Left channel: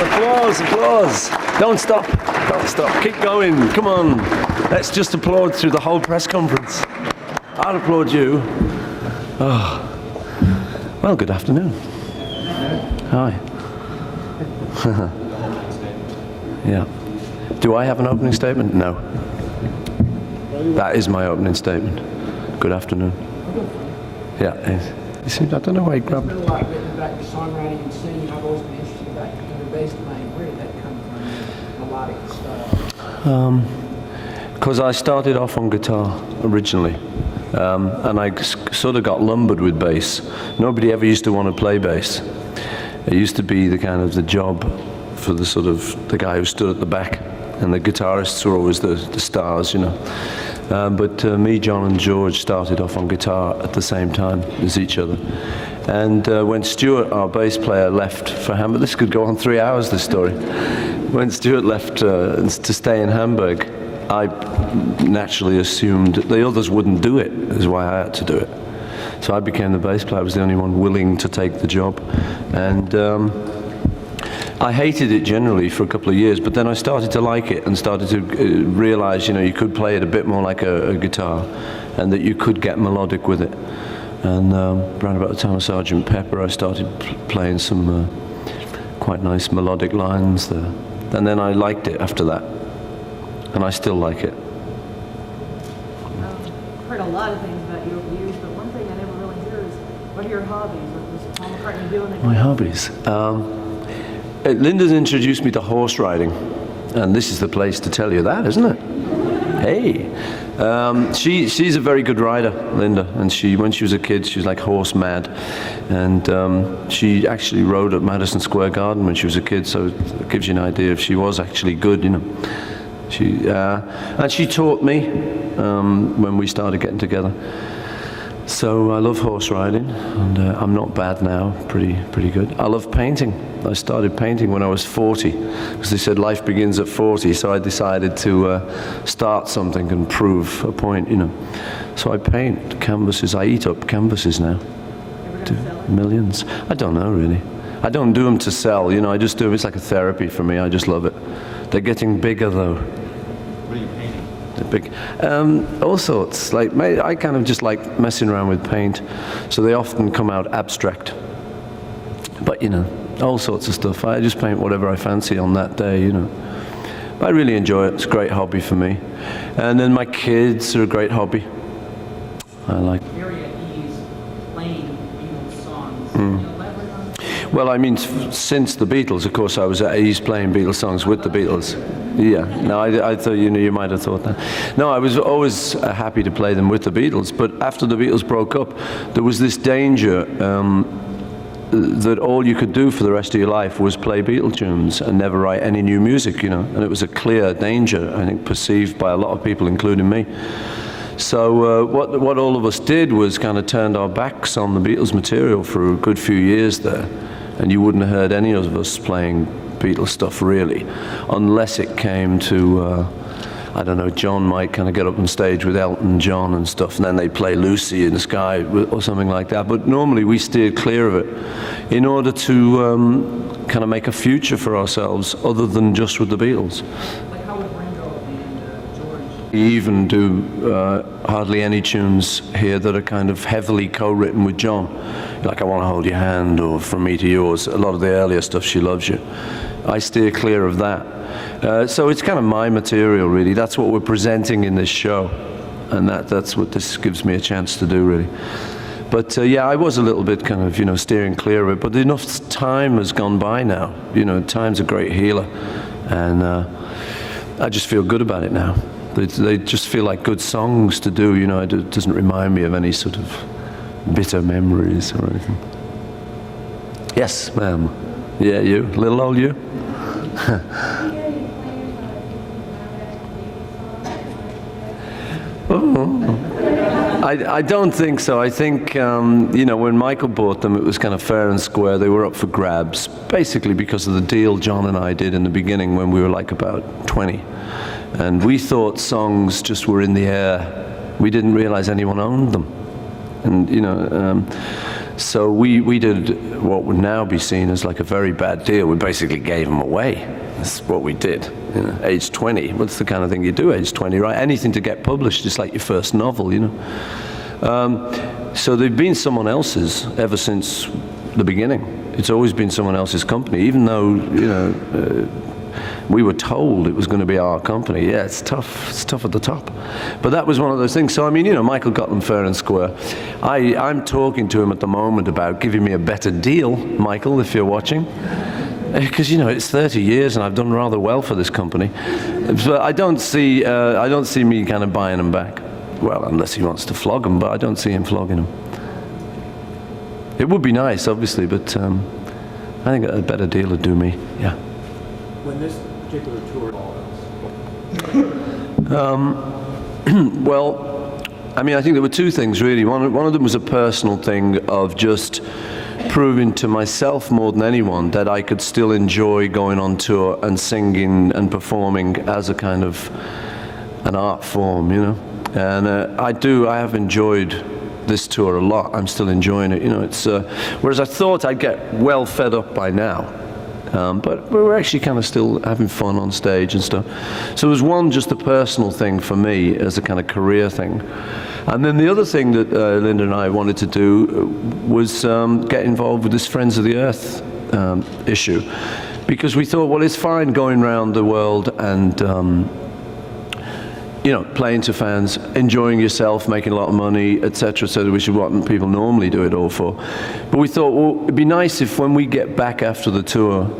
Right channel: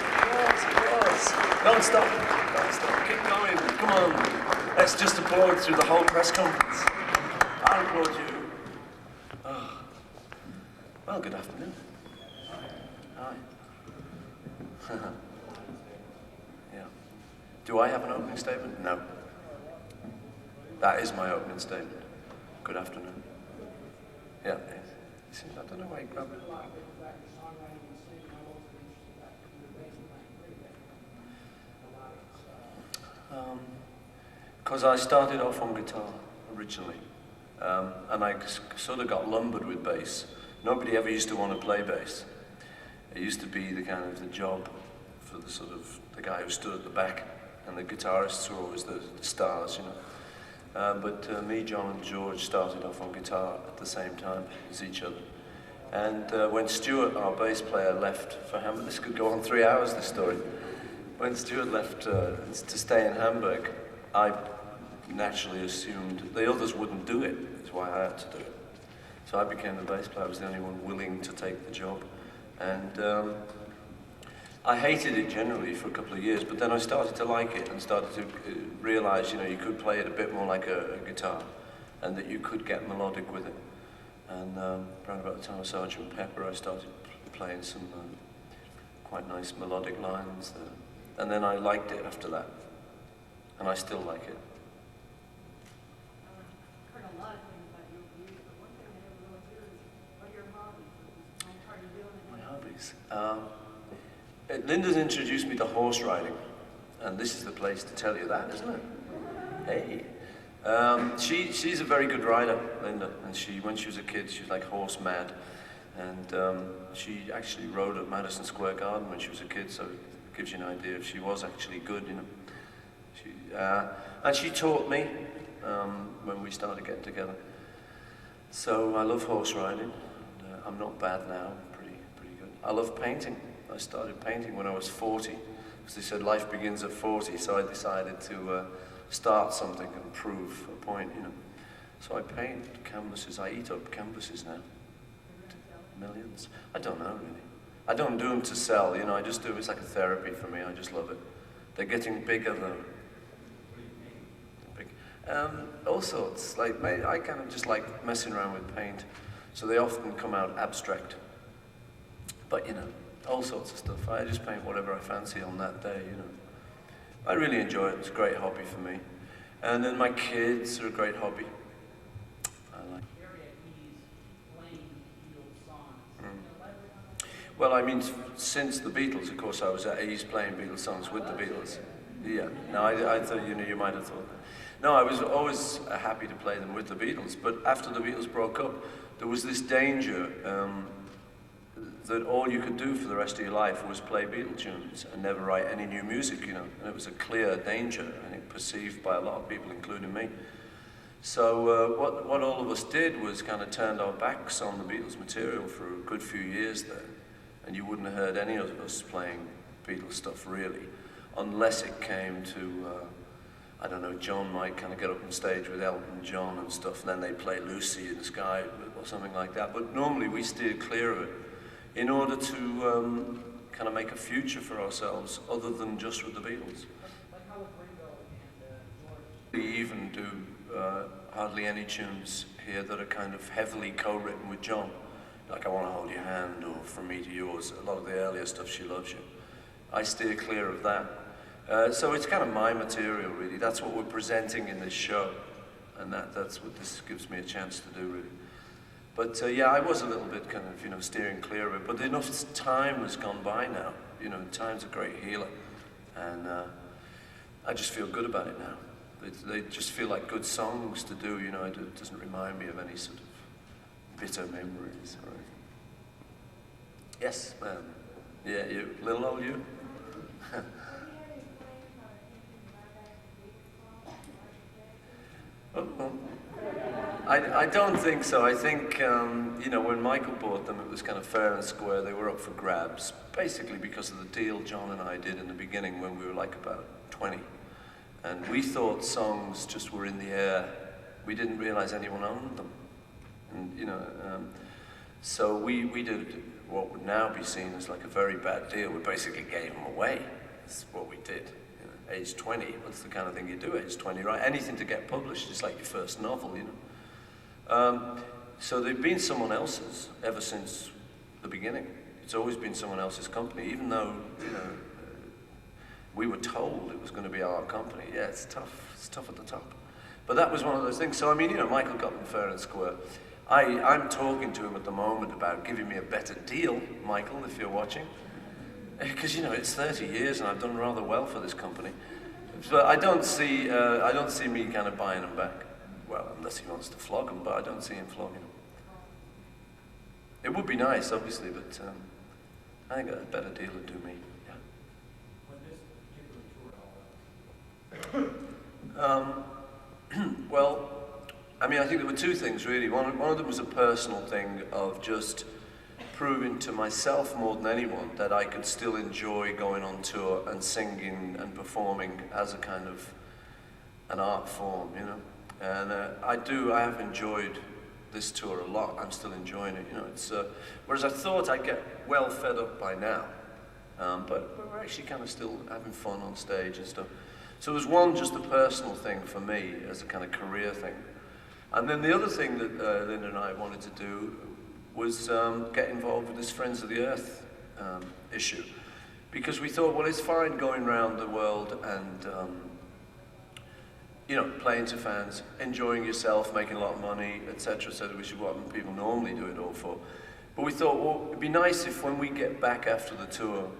applause, applause. Don't stop, don't stop. Keep going, come on. Let's just applaud through the whole press conference. I'll applaud you. Oh. Well, good afternoon. Hi. Yeah. Do I have an opening statement? No. That is my opening statement. Good afternoon. Yeah. You see, I don't know why he grabbed. There's been a lot written about your songwriting and singing. I've always been interested about your bass playing. Where did that come from, melodic style? Because I started off on guitar originally, and I sort of got lumbered with bass. Nobody ever used to want to play bass. It used to be the kind of the job for the sort of the guy who stood at the back, and the guitarists were always the stars, you know. But me, John and George started off on guitar at the same time as each other. And when Stuart, our bass player, left for Hamburg, this could go on 3 hours, this story. When Stuart left to stay in Hamburg, I naturally assumed the others wouldn't do it, is why I had to do it. So I became the bass player. I was the only one willing to take the job. And I hated it generally for a couple of years, but then I started to like it and started to realize, you know, you could play it a bit more like a guitar, and that you could get melodic with it. And around about the time of Sgt. Pepper, I started playing some quite nice melodic lines there. And then I liked it after that, and I still like it. I've heard a lot of things about you over the years, but one thing I never really hear is, what are your hobbies? What was Paul McCartney doing? My hobbies? Linda's introduced me to horse riding, and this is the place to tell you that, isn't it? Hey. She's a very good rider, Linda, and when she was a kid, she was like horse mad. And she actually rode at Madison Square Garden when she was a kid, so it gives you an idea if she was actually good, you know. And she taught me when we started getting together. So I love horse riding, and I'm not bad now, pretty good. I love painting. I started painting when I was 40, because they said life begins at 40, so I decided to start something and prove a point, you know. So I paint canvases. I eat up canvases now. Millions. I don't know, really. I don't do them to sell, you know, I just do them. It's like a therapy for me. I just love it. They're getting bigger, though. What are you painting? Big. All sorts. Like I kind of just like messing around with paint, so they often come out abstract. But you know, all sorts of stuff. I just paint whatever I fancy on that day, you know. I really enjoy it. It's a great hobby for me. And then my kids are a great hobby. I like. Very at ease playing Beatles songs. Can you elaborate on that? Well, I mean, since the Beatles, of course, I was at ease playing Beatles songs with the Beatles. Yeah, no, I thought, you know, you might have thought that. No, I was always happy to play them with the Beatles, but after the Beatles broke up, there was this danger that all you could do for the rest of your life was play Beatle tunes and never write any new music, you know, and it was a clear danger, I think, perceived by a lot of people, including me. So what all of us did was kind of turned our backs on the Beatles material for a good few years there, and you wouldn't have heard any of us playing Beatles stuff really, unless it came to, I don't know, John might kind of get up on stage with Elton John and stuff, and then they play Lucy in the Sky or something like that. But normally we steered clear of it in order to kind of make a future for ourselves other than just with the Beatles. Like how would Ringo and George? We even do hardly any tunes here that are kind of heavily co-written with John. Like I Want to Hold Your Hand or From Me to Yours. A lot of the earlier stuff, She Loves You. I steer clear of that. So it's kind of my material, really. That's what we're presenting in this show. And that's what this gives me a chance to do, really. But yeah, I was a little bit kind of, you know, steering clear of it. But enough time has gone by now. You know, time's a great healer. And I just feel good about it now. They just feel like good songs to do, you know. It doesn't remind me of any sort of bitter memories or anything. Yes, ma'am. Yeah, you? Little old you? Oh. I don't think so. I think, you know, when Michael bought them, it was kind of fair and square. They were up for grabs, basically because of the deal John and I did in the beginning when we were like about 20. And we thought songs just were in the air. We didn't realize anyone owned them. And, you know, So we did what would now be seen as like a very bad deal. We basically gave them away. That's what we did. You know, age 20. What's the kind of thing you do age 20, right? Anything to get published. It's like your first novel, you know. So they've been someone else's ever since the beginning. It's always been someone else's company, even though, you know, we were told it was going to be our company. Yeah, it's tough. It's tough at the top. But that was one of those things. So, I mean, you know, Michael got them fair and square. I'm talking to him at the moment about giving me a better deal, Michael, if you're watching. Because, you know, it's 30 years and I've done rather well for this company. But I don't see me kind of buying them back. Well, unless he wants to flog them, but I don't see him flogging them. It would be nice, obviously, but I think a better deal would do me, yeah. When this particular tour Well, I mean, I think there were two things, really. One of them was a personal thing of just proving to myself more than anyone that I could still enjoy going on tour and singing and performing as a kind of an art form, you know. And I have enjoyed this tour a lot. I'm still enjoying it, you know. It's whereas I thought I'd get well fed up by now. But we're actually kind of still having fun on stage and stuff. So it was one, just a personal thing for me as a kind of career thing. And then the other thing that Linda and I wanted to do was get involved with this Friends of the Earth issue. Because we thought, well, it's fine going around the world and you know, playing to fans, enjoying yourself, making a lot of money, etc., so which is what people normally do it all for. But we thought, well, it'd be nice if when we get back after the tour,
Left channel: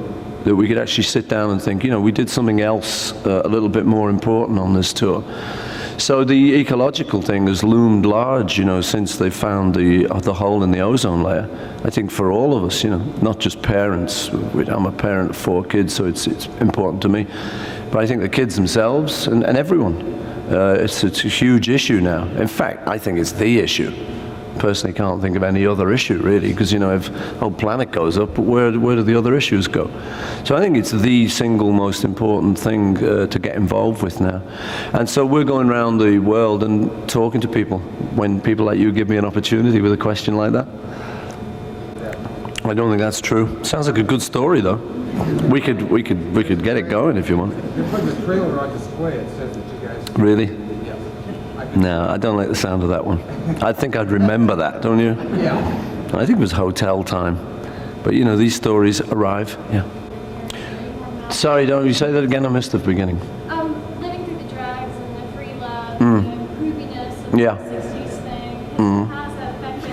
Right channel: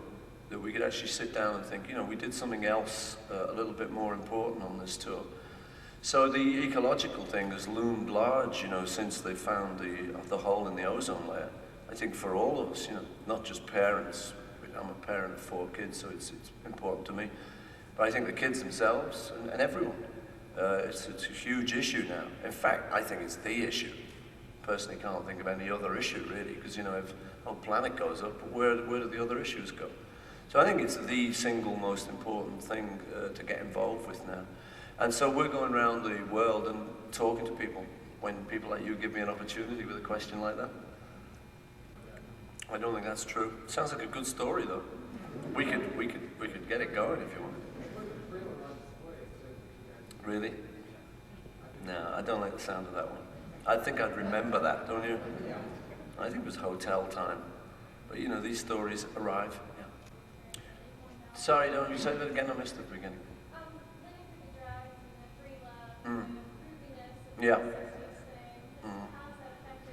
that we could actually sit down and think, you know, we did something else a little bit more important on this tour. So the ecological thing has loomed large, you know, since they found the hole in the ozone layer. I think for all of us, you know, not just parents. I'm a parent of 4 kids, so it's important to me. But I think the kids themselves and everyone. It's a huge issue now. In fact, I think it's the issue. Personally, can't think of any other issue really, because you know, if the whole planet goes up, but where do the other issues go? So I think it's the single most important thing to get involved with now. And so we're going around the world and talking to people. When people like you give me an opportunity with a question like that, I don't think that's true. Sounds like a good story though. We could get it going if you want. You're putting the trailer on display, it says that you guys... Really? Yeah. No, I don't like the sound of that one. I think I'd remember that, don't you? Yeah. I think it was hotel time. But you know, these stories arrive. Yeah. Sorry, don't you say that again? I missed the beginning. Living through the drugs and the free love, and the groupiness and Yeah. the 60s thing. How's that affected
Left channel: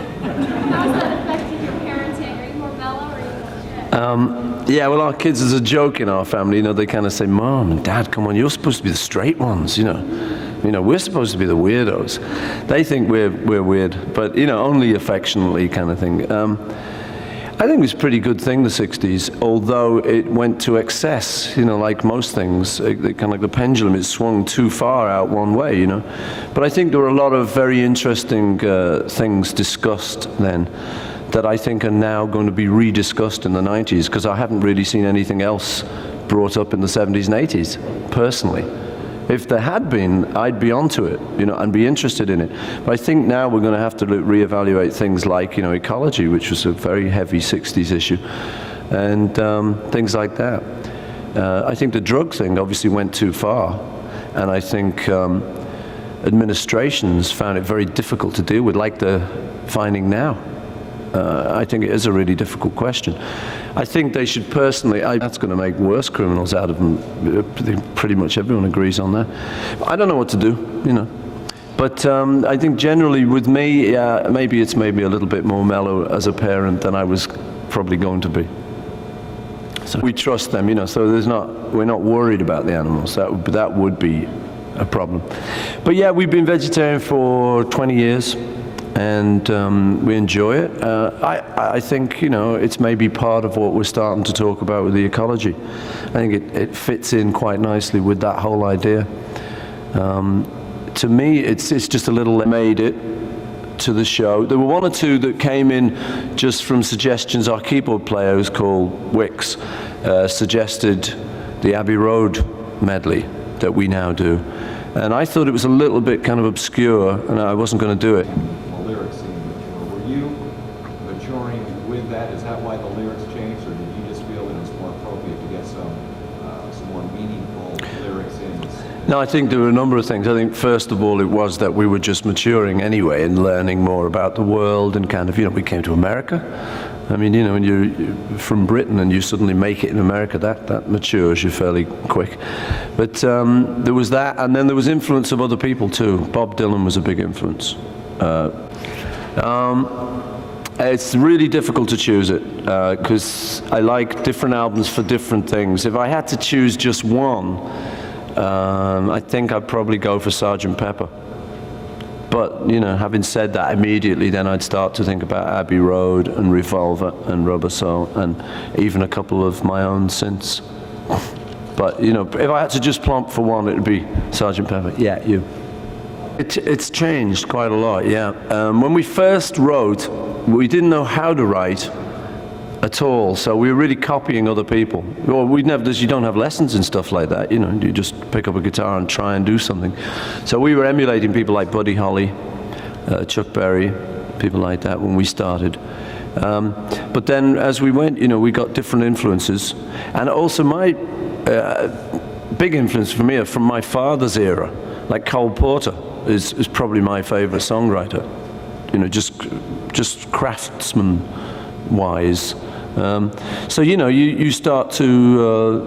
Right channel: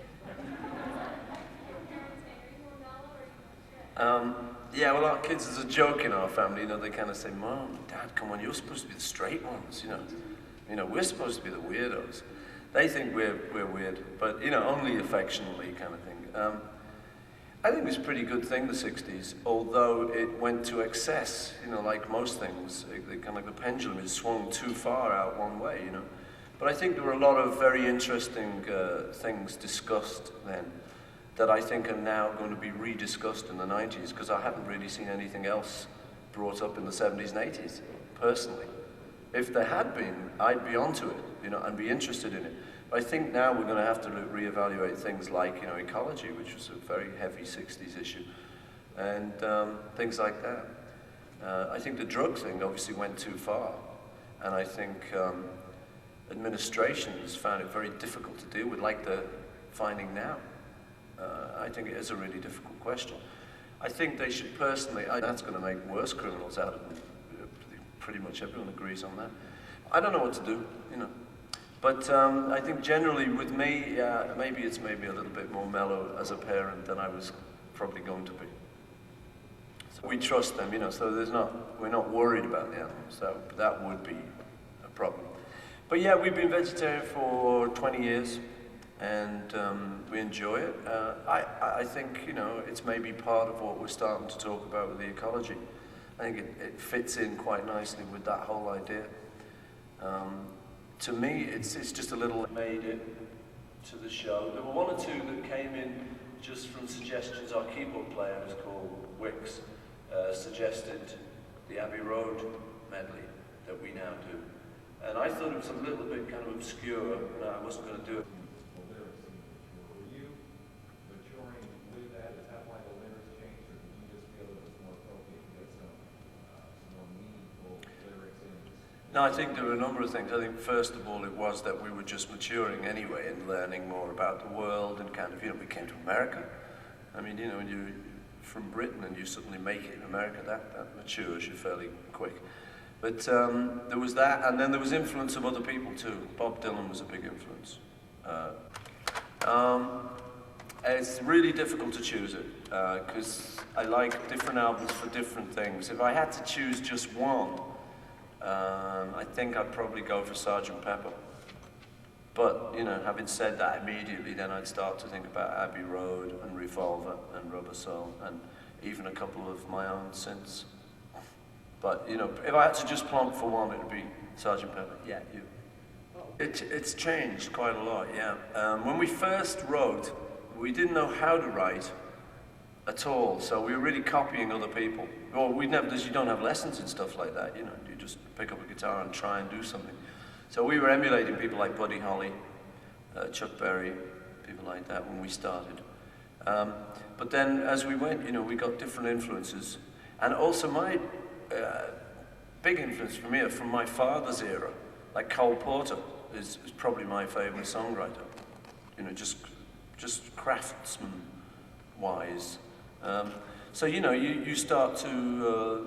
your parenting? Are you more mellow or are you more strict? Yeah, well, our kids, there's a joke in our family, you know, they kind of say, Mom and Dad, come on, you're supposed to be the straight ones, you know. You know, we're supposed to be the weirdos. They think we're weird, but, you know, only affectionately kind of thing. I think it was a pretty good thing, the 60s, although it went to excess, you know, like most things. Kind of like the pendulum, it swung too far out one way, you know. But I think there were a lot of very interesting things discussed then that I think are now going to be rediscussed in the 90s, because I haven't really seen anything else brought up in the 70s and 80s, personally. If there had been, I'd be onto it, you know, and be interested in it. But I think now we're going to have to reevaluate things like, you know, ecology, which was a very heavy 60s issue, and things like that. I think the drug thing obviously went too far, and I think administrations found it very difficult to deal with, like they're finding now. I think it is a really difficult question. I think they should personally, that's going to make worse criminals out of them. Pretty much everyone agrees on that. I don't know what to do, you know. But I think generally with me, maybe it's made me a little bit more mellow as a parent than I was probably going to be. So we trust them, you know, so we're not worried about the animals. That would be a problem. But yeah, we've been vegetarian for 20 years. And we enjoy it. I think, you know, it's maybe part of what we're starting to talk about with the ecology. I think it fits in quite nicely with that whole idea. To me, it's just a little made it to the show. There were one or two that came in just from suggestions. Our keyboard player, who's called Wicks, suggested the Abbey Road medley that we now do. And I thought it was a little bit kind of obscure, and I wasn't going to do it. Lyrics in the tour. Were you majority No, I think there were a number of things. I think first of all it was that we were just maturing anyway and learning more about the world and kind of, we came to America. I mean, when you're from Britain and you suddenly make it in America, that matures you fairly quick. But there was that, and then there was influence of other people too. Bob Dylan was a big influence. It's really difficult to choose it because I like different albums for different things. If I had to choose just one, I think I'd probably go for Sgt. Pepper. But, having said that, immediately then I'd start to think about Abbey Road and Revolver and Rubber Soul and even a couple of my own synths. But, if I had to just plump for one, it would be Sgt. Pepper. Yeah, you. It's changed quite a lot, yeah. When we first wrote, we didn't know how to write at all, so we were really copying other people. Well, you don't have lessons and stuff like that, you just pick up a guitar and try and do something. So we were emulating people like Buddy Holly, Chuck Berry, people like that when we started. But then as we went, we got different influences. And also my big influence for me are from my father's era, like Cole Porter is probably my favorite songwriter, just craftsman-wise. So you start to